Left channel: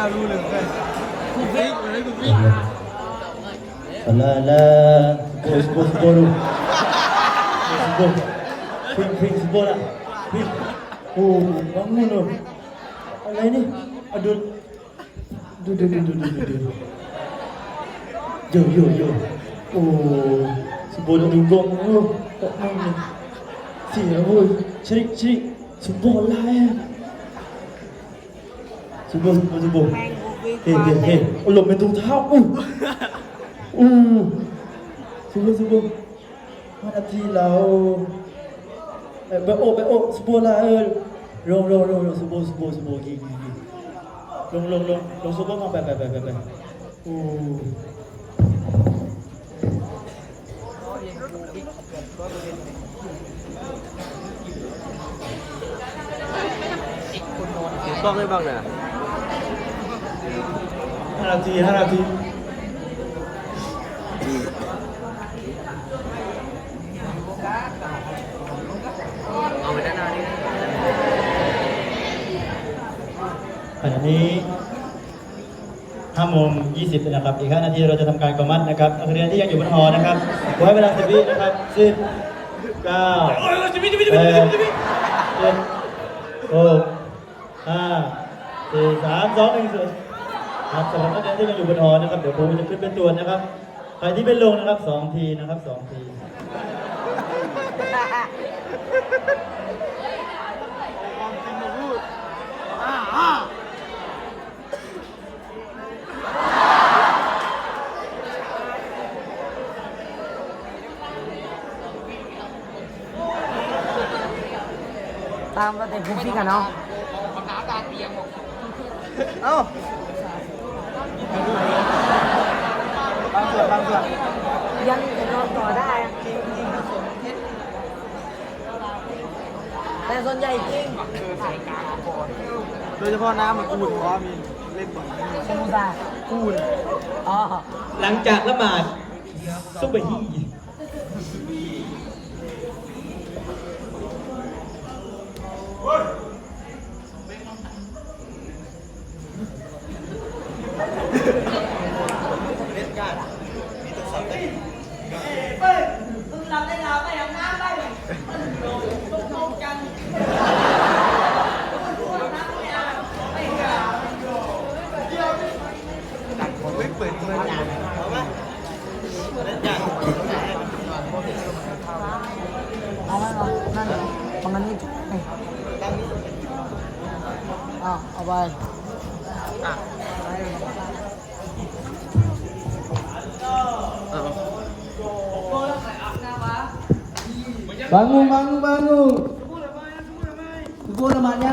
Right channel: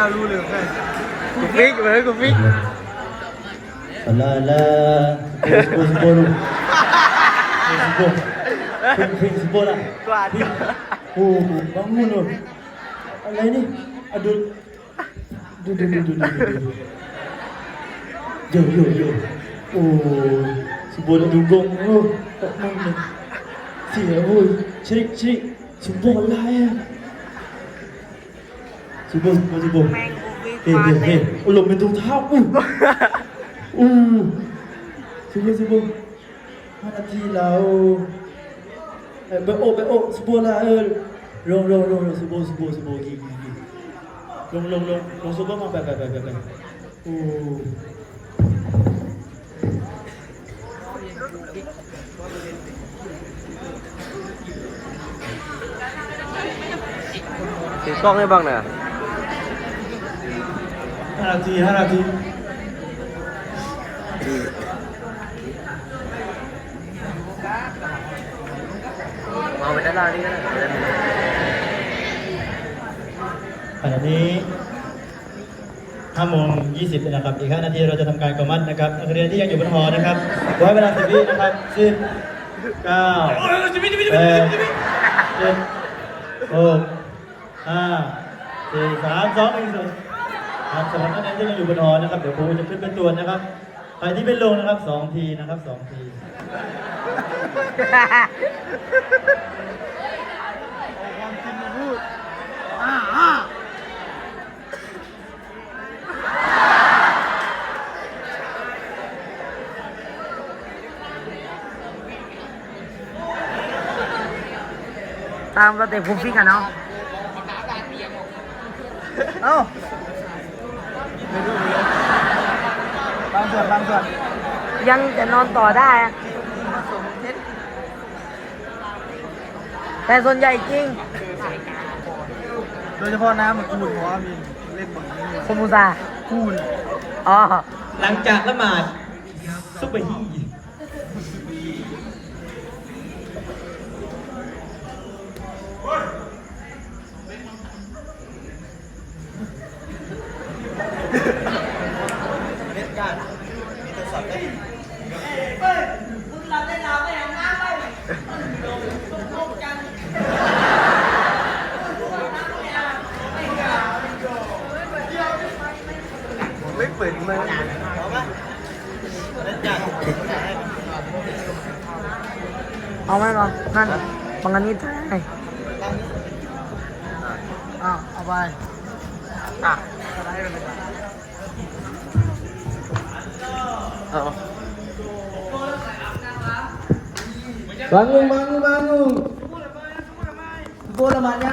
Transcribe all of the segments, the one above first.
ล้อเลียนกูเลยเว้ยแล้วรู้เลยไงกูฟิกเลยกูฟิก La la Sebuah sebuah tu Sebuah Ping ping sebuah lah Ping Oh bangun tu Alah ni Aduh Duh duh duh duh duh duh Yo yo yo Oh Sebuah dah dugong tu Tak main ni Siap oi Ceri ceri Sebuah lah ya Sebuah sebuah sebuah แม่งกูฟิตเฮ้ยมาเฮ้ยเต็เฮ้มยหลบเป็นถุงเท้าอู้อู้สุบสุบห้านาทีแล้วเอ้ยไปโอ้ไปโอ้สุบละเออลงลงลงลงสุบสุบสุบกี่กี่กี่ลงลงลงลงสุบมาไปไปไปไปไปอู้กล้องให้บ้างนะ ห้านาทีห้านาทีเอาไปด้านล่างนี่นะขณะนี้ห้าโมงยี่สิบนะครับ อีกห้านาทีเราจะทำการกอมัดนะครับนักเรียนที่ยังอยู่บนหอนะครับไว้เวลาสิบวินะครับสิบเก้าแปดเจ็ดหกห้าสี่สามสองหนึ่งศูนย์ ครับสำหรับนักเรียนที่ยังอยู่บนหอนะครับ เดี๋ยวครูจะขึ้นเป็นตัวจนะครับ ใครที่เป็นลงนะครับสองทีนะครับสองทีตามสเต็ปกูฟิตกันเนาะเอ้า ยังจะนอนต่อได้อะแต่ส่วนใหญ่จริง โดยเฉพาะน้ำมันอุ่นนะมีเล่นสมุทรอ๋อ หลังจากละหมาดซุปเปอร์ฮี ไม่เปิดมันเอาปะแล้วจัด เอาไหมก่อนนั่นบังกันนิดไงอ้าวเอาไปอะ เอา bangun bangun bangun กูละมันยั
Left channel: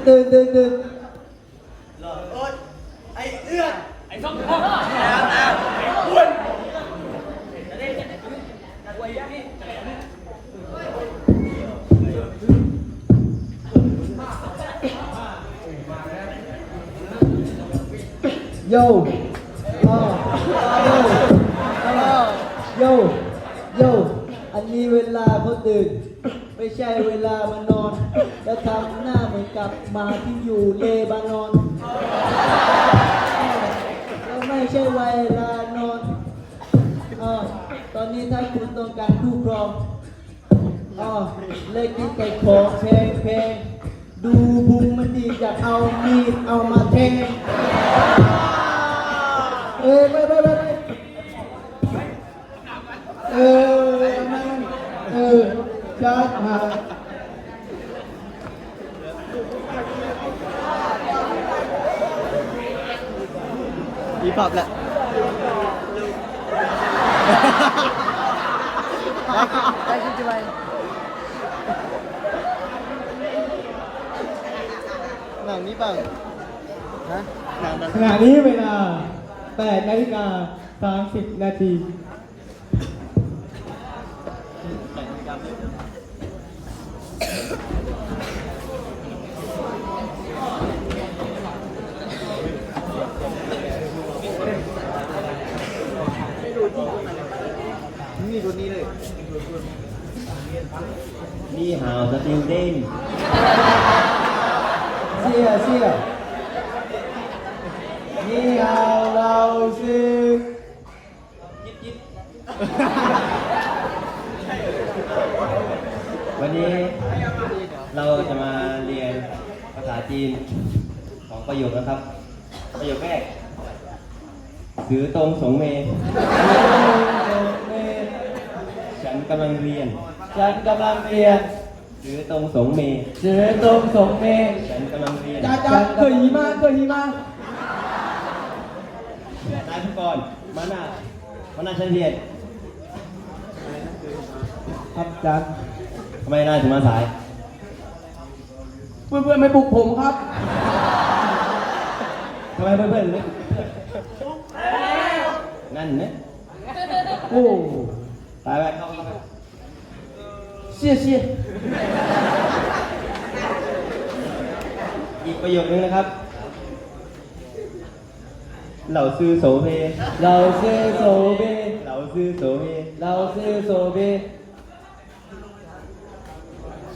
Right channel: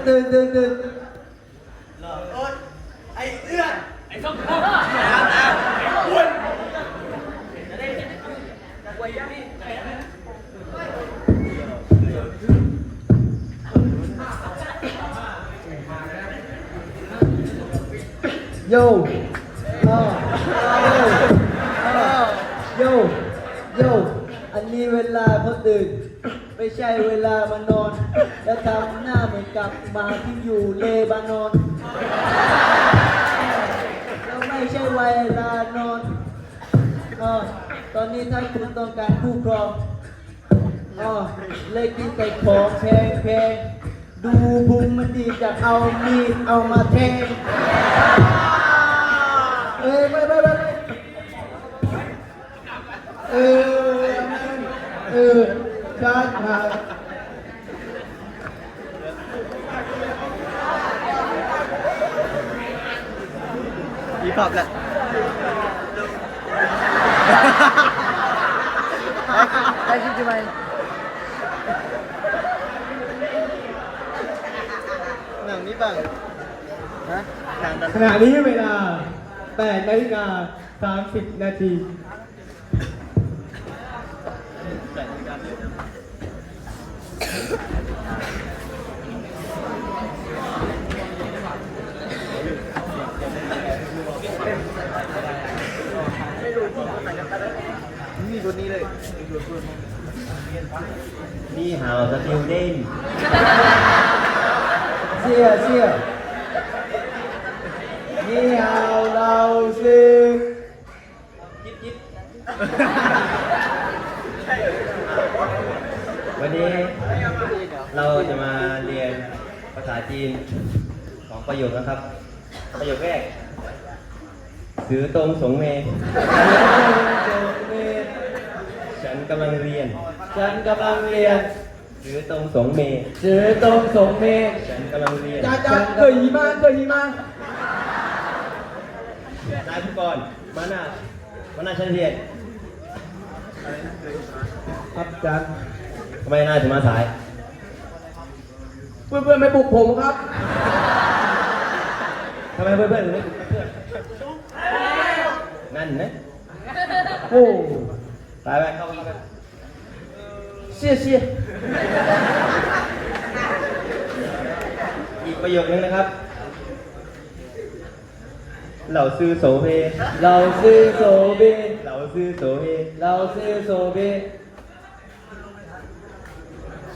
ทำไมกันหลังจากเพื่อนเพื่อนๆอาบน้ำเสร็จตื่นตื่นตื่นโยอ่าโยโยโยอันนี้เวลาเขาตื่น ไม่ใช่เวลามานอน แล้วทำหน้าเหมือนกับหมาที่อยู่เลบานอน แล้วไม่ใช่เวลานอนออตอนนี้ถ้าคุณต้องการคู่ครองอ๋อเลยกินไก่โขงเพงเพลงดูบุงมันดีจะเอามีดเอามาแทงเอ้ยไปไปไปไเออเออชัดมา มีปอบแหละไปคิดจะไปหนังนี้ปังฮะหนังดันขณะนี้เวลา8นาฬิกา30 นาที นี่ตัวนี้เลยนี่หาวสติลเด้นเสียเสียนี่ฮาวเราซึกวันนี้เราจะมาเรียนภาษาจีนสองประโยคนะครับ ประโยคแรก ถือตรงสงเมฉันกำลังเรียน ฉันกำลังเรียนถือตรงสงเมเสือตรงสงเมฆฉันกำลังเรียนจ้าจ้าเคยมาเคยมานายผู้กรมาหน้ามาหน้าชั้นเรียนครับอาจารย์ทำไมนายถึงมาสาย เพื่อนเพื่อนๆไม่ปลุกผมครับทำไมเพื่อนๆไม่เพื่อน นั่นนะโอ้ไปไปเข้าอีกไปเสียเสียอีกประโยคนึงนะครับ เหล่าซื้อโสเพเราซื้อโซเบเหล่าซื้อโสเพเราซื้อโซเบ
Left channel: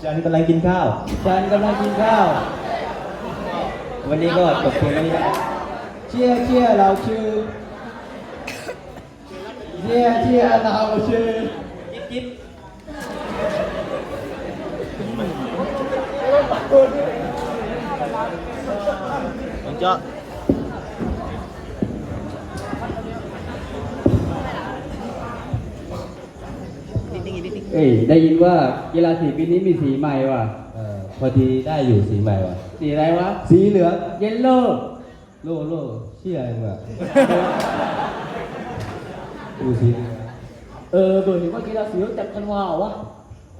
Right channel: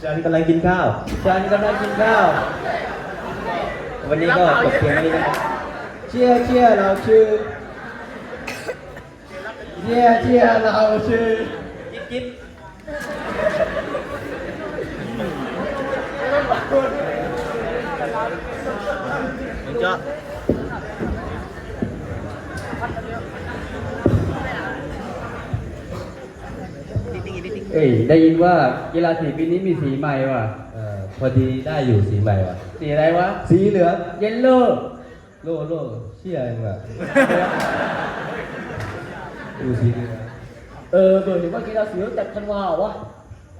ฉันกำลังกินข้าว ฉันกำลังกินข้าว วันนี้ก็จบเพียงเท่านี้นะครับ เชียร์เชียร์เราชื่อ เชียร์เชียร์เราชื่อจิ๊บจิ๊บมันจะนิดนึงอีกนิดนึงเอ้ยได้ยินว่ากีฬาสีปีนี้มีสีใหม่ว่ะเออพอดีได้อยู่สีใหม่ว่ะ สีอะไรวะ สีเหลือง เยลโล่ โล่โล่เชี่ยเองว่ะ ดูสีเหลืองเออเบอร์เห็นว่ากีฬาสีเขาจัดกันว่าวะ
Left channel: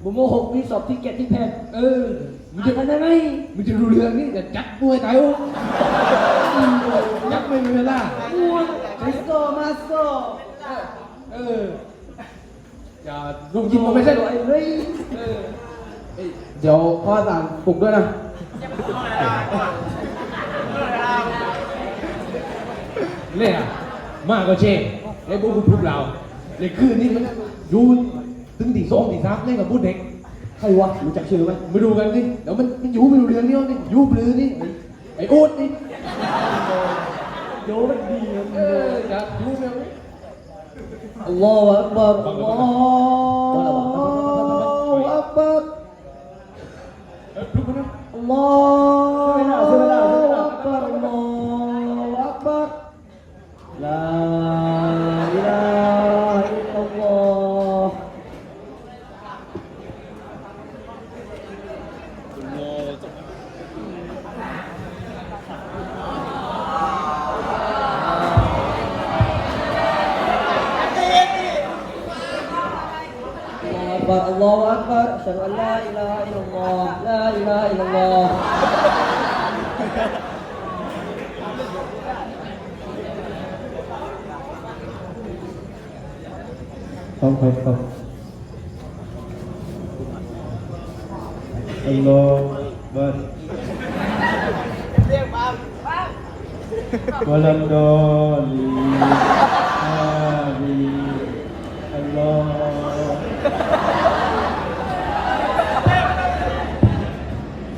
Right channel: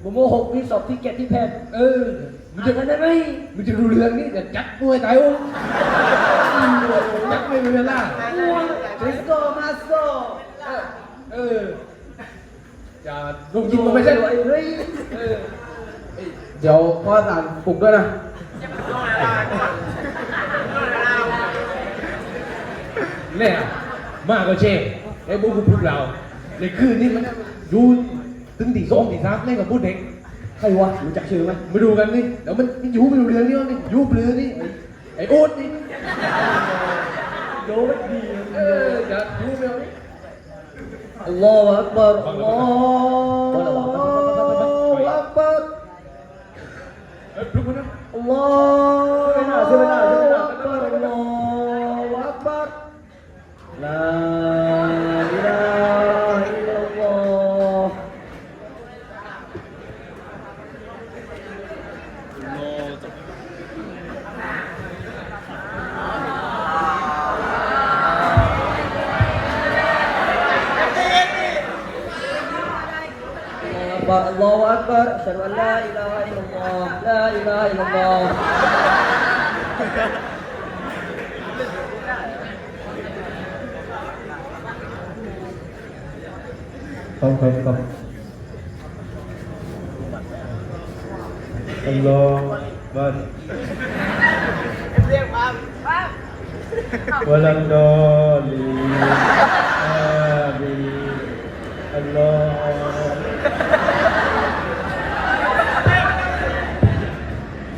บุโมหกมีสอบที่เก็ตที่แพงเออมึงจะได้ไหมมึงจะรู้เรื่องนี่แต่จัดมวยไทยอุ้จัดไม่มีเวลามาสโซมาสโซเอออย่าลุงยิงมันไม่ใช่หรอไอ้เฮ้ยเออเอ้ยเดี๋ยวพ่อสั่งปลุกด้วยนะเนี่ยมากก็เช่ ไอ้พวกพวกเราในคืนนี้มันดูถึงตีสองตีสามเล่นกับพวกเด็กใครวะรู้จักชื่อไหมมาดูกันนี่เดี๋ยวมันมันอยู่ไม่รู้เรื่องนี่วะนี่อยู่เปลือนี่ไอ้ไอ้โอ๊ตนี่โยมันดีเออจะอยู่เรื่องนี้อัลลอฮฺอักบัรอัลลอฮฺ أشهد أن لا إله إلا الله لا إله إلا الله không không không hello vâng ولم ضالين آمين الله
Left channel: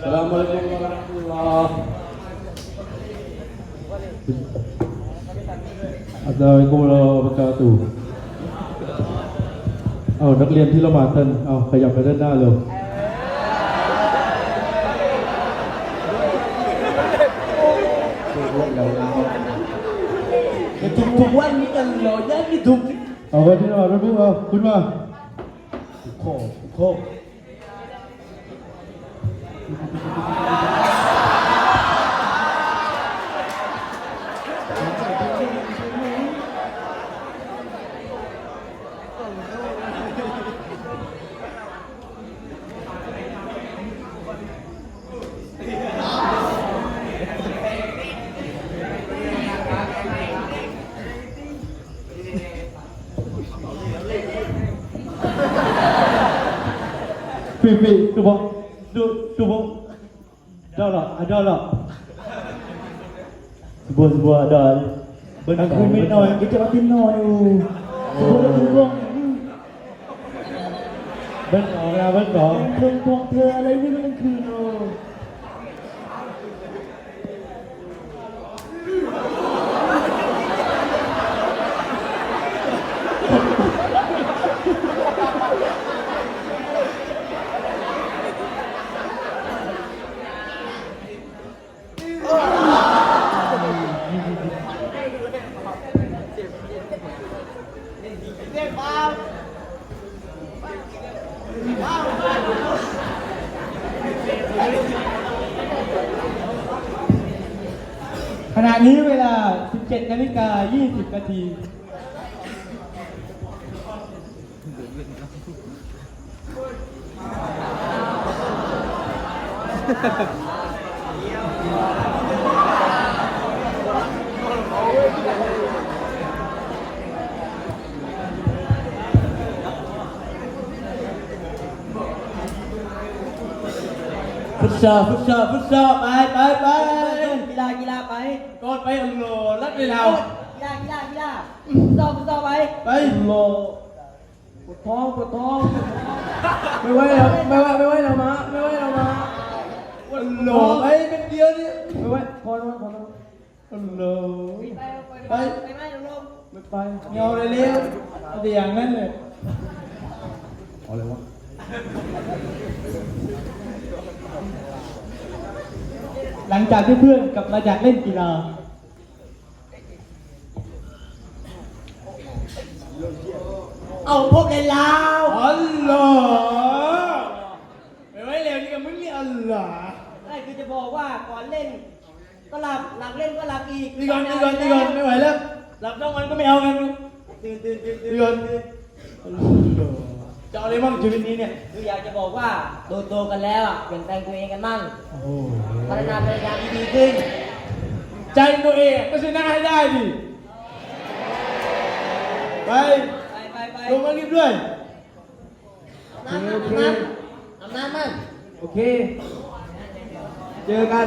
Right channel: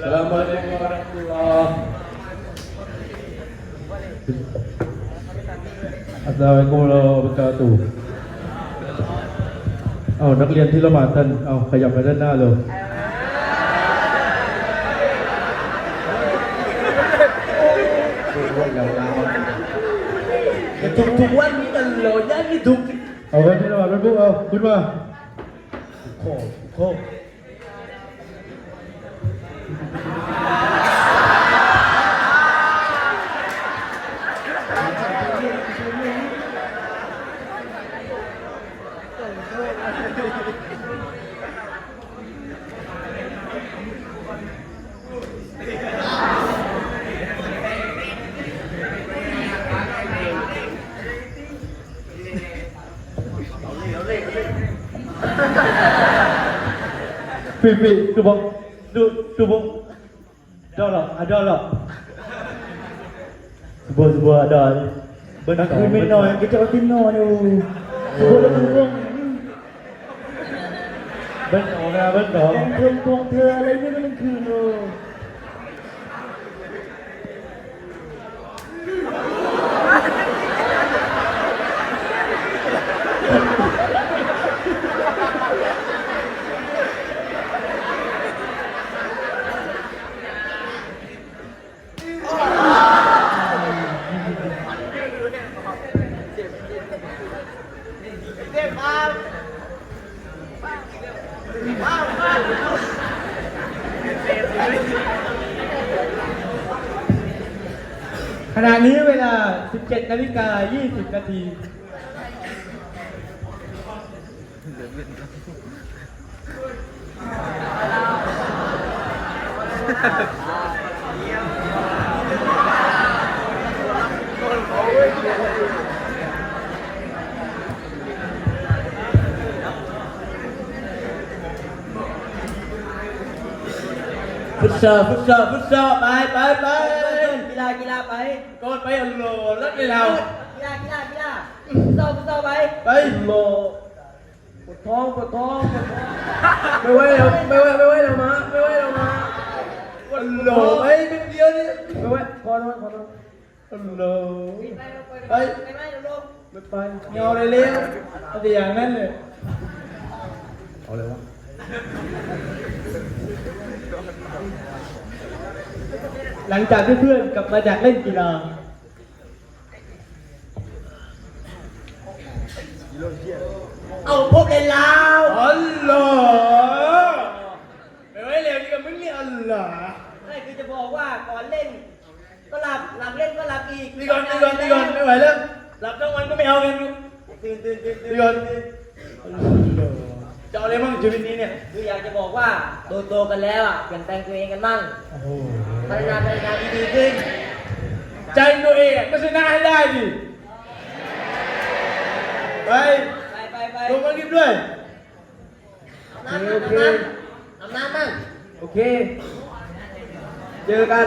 Assalamualaikum warahmatullah. Assalamualaikum warahmatullah. Assalamualaikum warahmatullahi wabarakatuh เอานักเรียนที่ละหมาดท่านเอาขยับไปด้านหน้าเลยทุกทุกวันนี้กันโหลดได้ที่ถูกเอาไว้ที่ละหมาดไม่พูดเอาขึ้นมา vị từ bộ từ từ bộ đâu là à đâu là vừa vừa đời bên quý vị nói cái chỗ tin nói đâu vừa vừa vừa bên cổ ra bên cổ thương thương thưa lấy cái ณะนี้เวลา 17นาฬิกา20นาทีฟุตซอลฟุตซอลฟุตซอลไปไปไป ไปอัลโหลรัดเลยเรากีฬากีฬากีฬาต่อต่อไปไปโหลปวดท้องปวดท้องปวดท้องไม่ไหวแล้วไม่ไหวไม่ไหวแล้วมาไม่ไหวแล้วมาอัลโหลไปเป็นเดียวนี่ไม่ไหวพอแล้วพอแล้วอัลโหลไปไปไปลงไม่ไปเงาเลยเลี้ยเอาแต่อย่างนั้นเลยเอาเลยวะหลังจากที่เพื่อนกลับมาจากเล่นกีฬา เอาพวกเล่นลาวอัลลอฮ์ไม่ไหวแล้วนี่ก็มึงนี่อัลลอฮ์นั่นคือจะบอกว่าก่อนเล่น ก็หลับหลับเล่นก็หลับอีกนี่ก่อนนี่ก่อนนี่ก่อนไม่ไหวแล้วหลับทั้งวันก็ไม่เอากันดูตื่นตื่นตื่นตื่นนี่ก่อนจะเอาอะไรมั่งชีวิตนี้เนี่ยคืออยากจะบอกว่าโตโตๆกันแล้วอะเปลี่ยนแปลงตัวเองกันมั่งโอ้โหพัฒนาพัฒนาที่ดีขึ้น ใจตัวเองก็ชนะให้ได้ดิไปไปไปไป ลงมารีบด้วยน้ำน้ำน้ำน้ำน้ำน้ำโอเค เจอกัน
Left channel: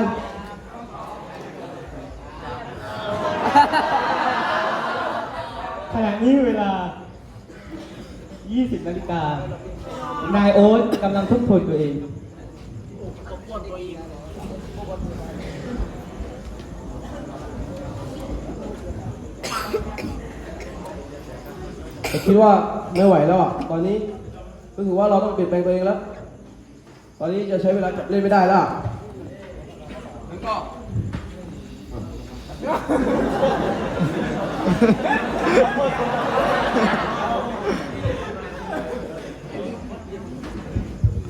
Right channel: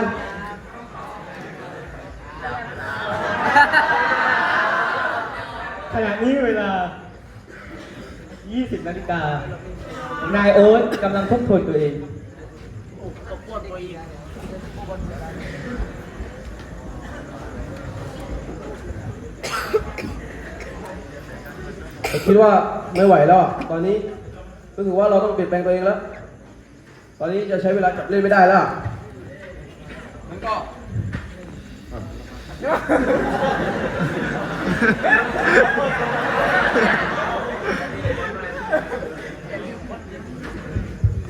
ขณะนี้เวลา 20 นาฬิกา นายโอ๊ตกำลังทบทวนตัวเอง คิดว่าไม่ไหวแล้วอะตอนนี้รู้สึกว่าเราต้องเปลี่ยนแปลงตัวเองแล้ว ตอนนี้จะใช้เวลาจับเล่นไม่ได้แล้วอะมันก็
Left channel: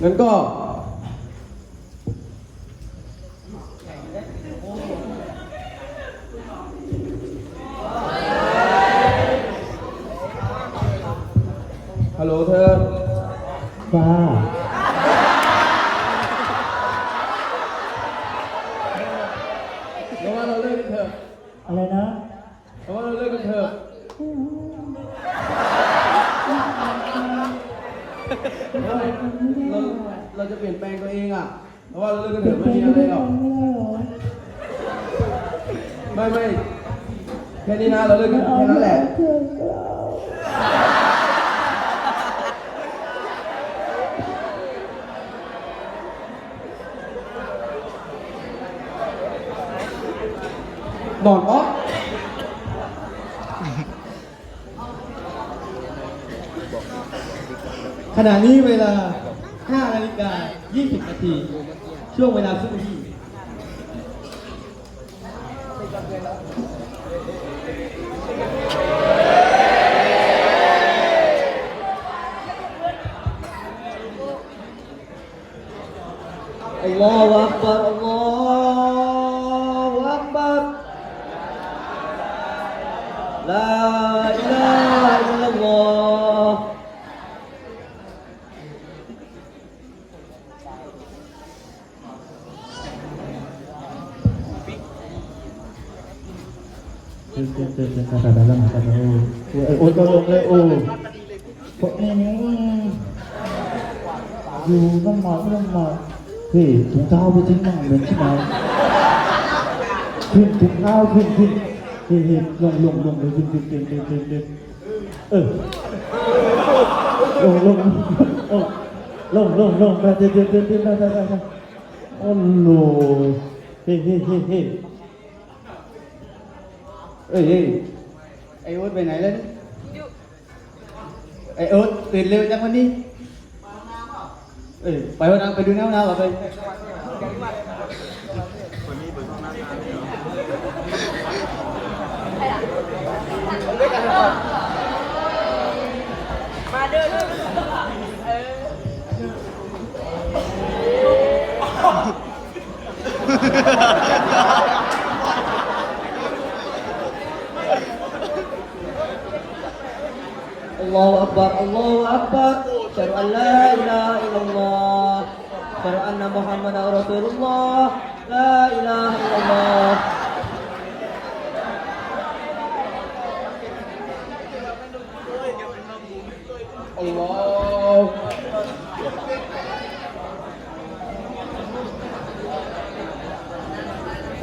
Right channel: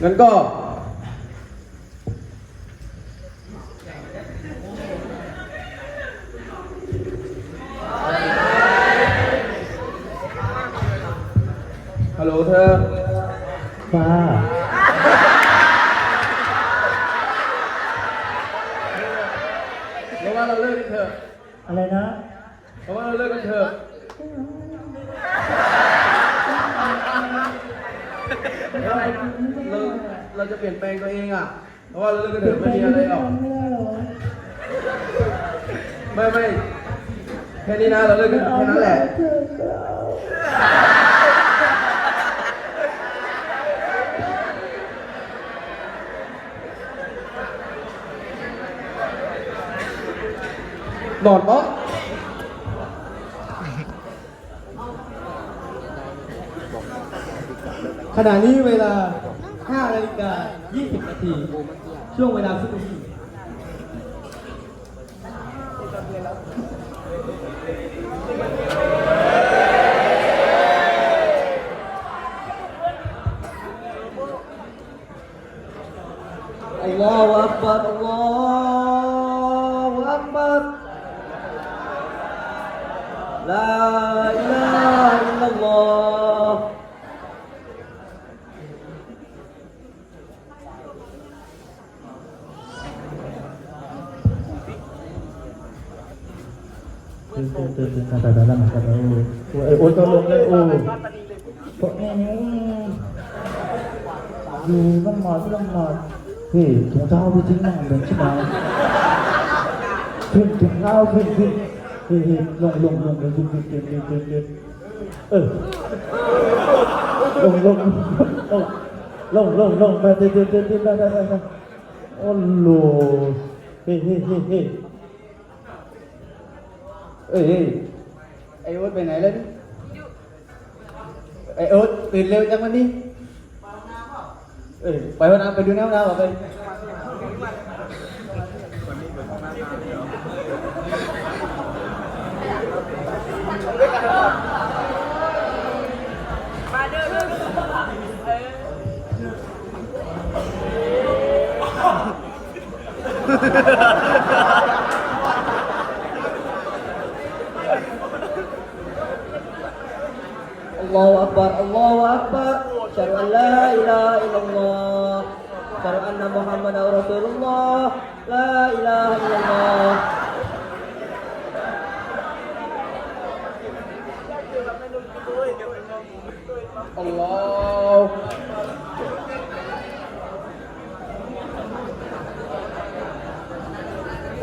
งั้นก็ ฮัลโหลเธอฟ้าเดี๋ยวว่าเราเลิกกันเถอะอะไรนะเพราะว่าเราเลิกกันเถอะเราเราจะเปลี่ยนแปลงตัวเองอะ เพราะว่าเราเลิกกันเถอะไม่มีอะไรหรอกไม่ไม่แค่นี้นะเราเลิกกันแค่นั้นแหละ นอนป๊อกขณะนี้เวลา 5 นาฬิกา 20 นาที ช่วงเวลาซุปเปอร์ฮีทอัลลอฮฺอักบัรอัลลอฮฺอักบัรลาอิลาฮะอิลลัลลอฮฺ คือคือคือคือภาษาดารามาจากโอ้โอ้ตัวลงเลยโอ้พวกนี้อยู่น้ำหนักน้ำหนักเฮ้ยถุงเท้าไปทิ้งนั่งเดินที่ไหนขึ้นถุงเท้าขึ้นขึ้น เฮ้ยเฮ้ยลงลงลงลงขึ้นขึ้นขึ้นขึ้นขึ้นขึ้นเออลงลงลงลงลงไปเดินเดินเดินเดินไปไปไปโอ้โหเฮ้เฮ้เฮ้เฮ้เอ้ยเอ้ไอโอ๊ตไปไหนแล้วไอโอ๊ตตื่นเร็วจังวันนี้ไปวันน้ำเอ้ยไปห้องน้ำไปดูน้ำน้ำเราไป Allahu Akbar, Allahu Akbar. Syahadu an la ilaha illallah. Syahadu anna Muhammad Rasulullah. La ilaha illallah. Allah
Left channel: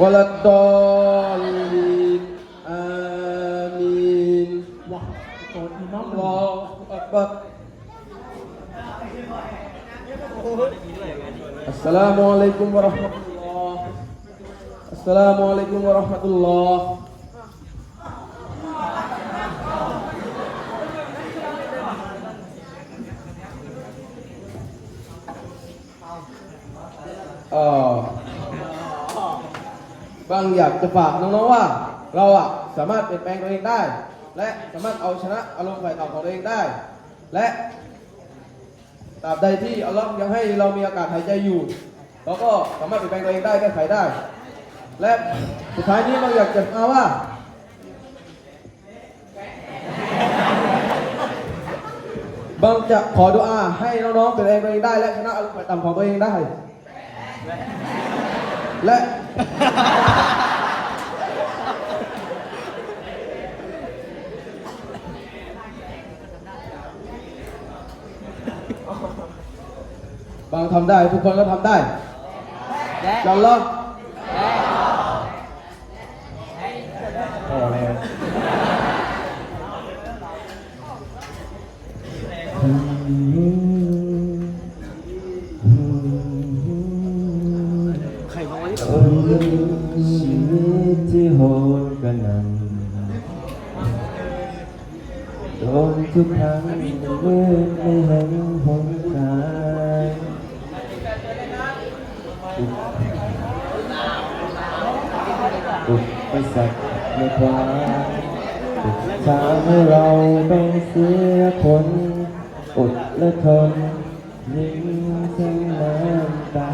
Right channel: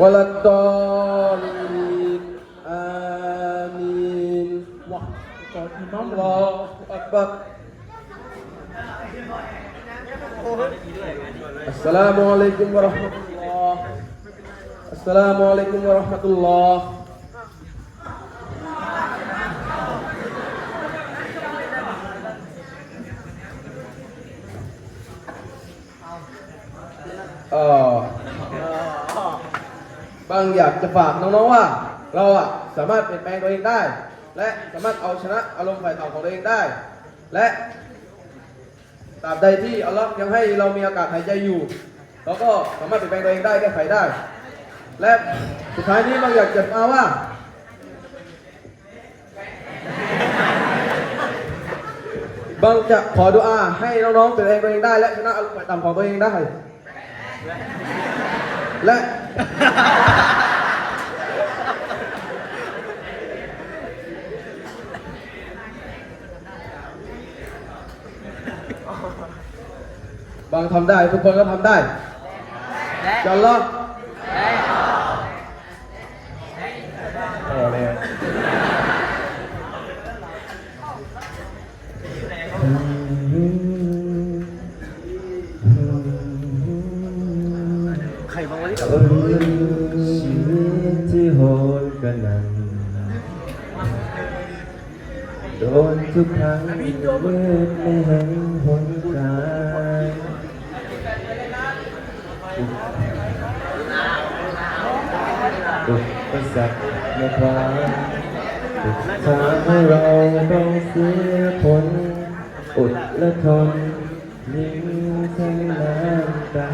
วะลัดดอลลีนอามีน Wah, kalau imam อัลลอฮฺอัก บามุอะลัยกุมวะเราะห์มะตุลลอฮ์อัสสลามุอะลัยกุมวะเราะห์มะตุลลอฮ์เออบางอยากจะฝากน้องๆว่า เราอะสามารถเปลี่ยนแปลงตัวเองได้ และสามารถเอาชนะอารมณ์ฝ่ายต่ำของตัวเองได้ และตราบใดที่อัลลอฮ์ยังให้เรามีอากาศหายใจอยู่เราก็สามารถเปลี่ยนแปลงตัวเองได้แก้ไขได้ และสุดท้ายนี้บางอยากจะมาว่าบางจะขอดุอาให้น้องๆเปลี่ยนแปลงตัวเองได้ และชนะอารมณ์ฝ่ายต่ำของตัวเองได้ และ บางทำได้ ทุกคนก็ทำได้ยันลองพอแล้ว โดนทุกครั้งเมื่อไม่เห็นหนทางอุปสรรคในความอุดทาให้เราต้องเสียผลอดและทนยิ่งทั้งน้ำตา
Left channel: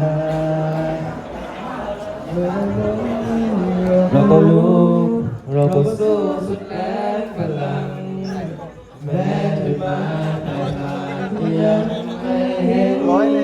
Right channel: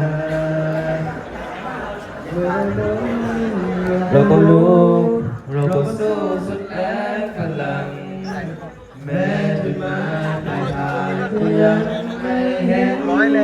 เราต้องรู้เราต้องสู้สุดแลัง แม้จะมาปลายทางก็ยังไม่เห็นอ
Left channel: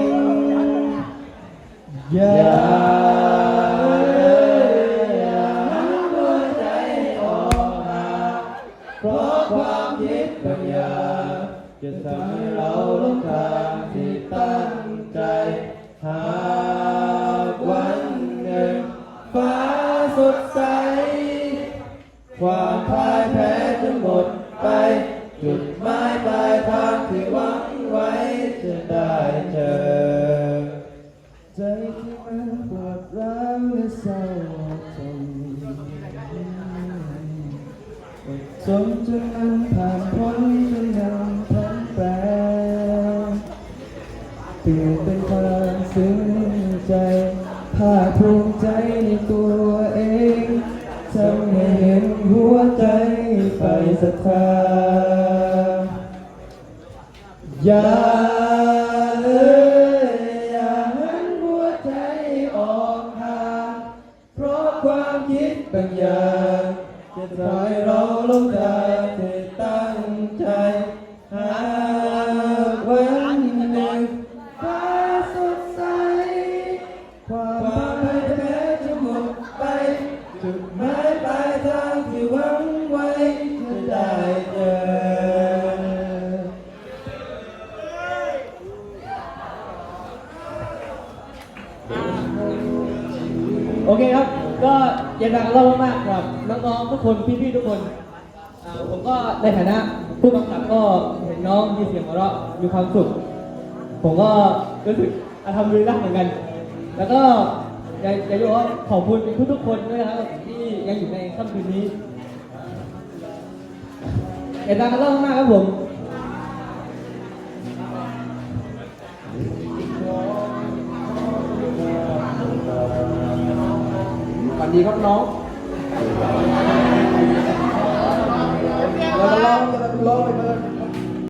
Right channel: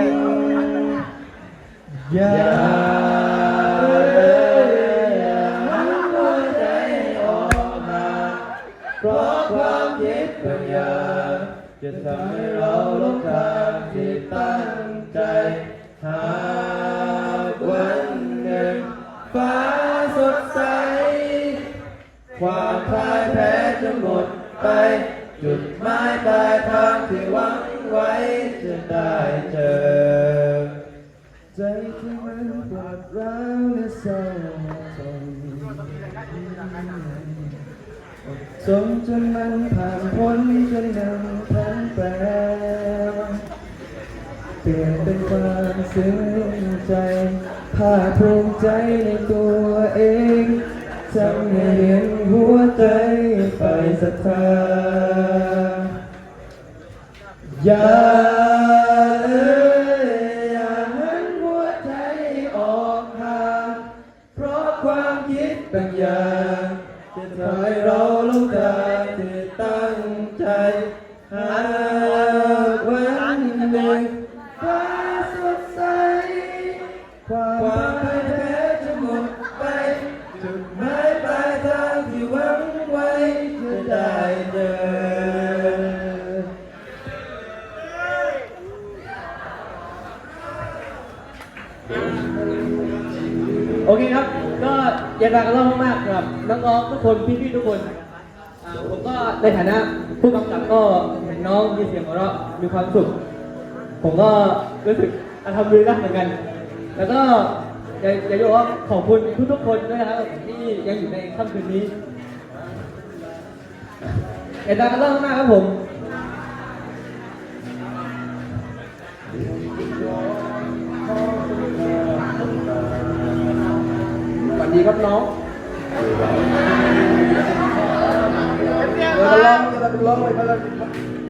ภาคภูมิใจในตัวเองทำให้เห็นหัวใจไปศรัทธาอย่า ย็นดังเล่ามากๆครับน้องๆทุกคนพี่ๆทุกคนอ่าผมก็ในฐานะผู้กำกับก็เห็นน้องมีเสียงหัวเราะมีความสุข ผมก็รู้สึกอาทำดีนะเหมือนกัน แล้วก็อยากอยากจะบอกว่าขอบคุณทุกๆคนด้วยนะครับที่ยังอยู่ในค่ำคืนนี้เย็นดังเล่ามากครับผม วัสดีครับน้องเราจะร้องเราจะร้องไปแล้ว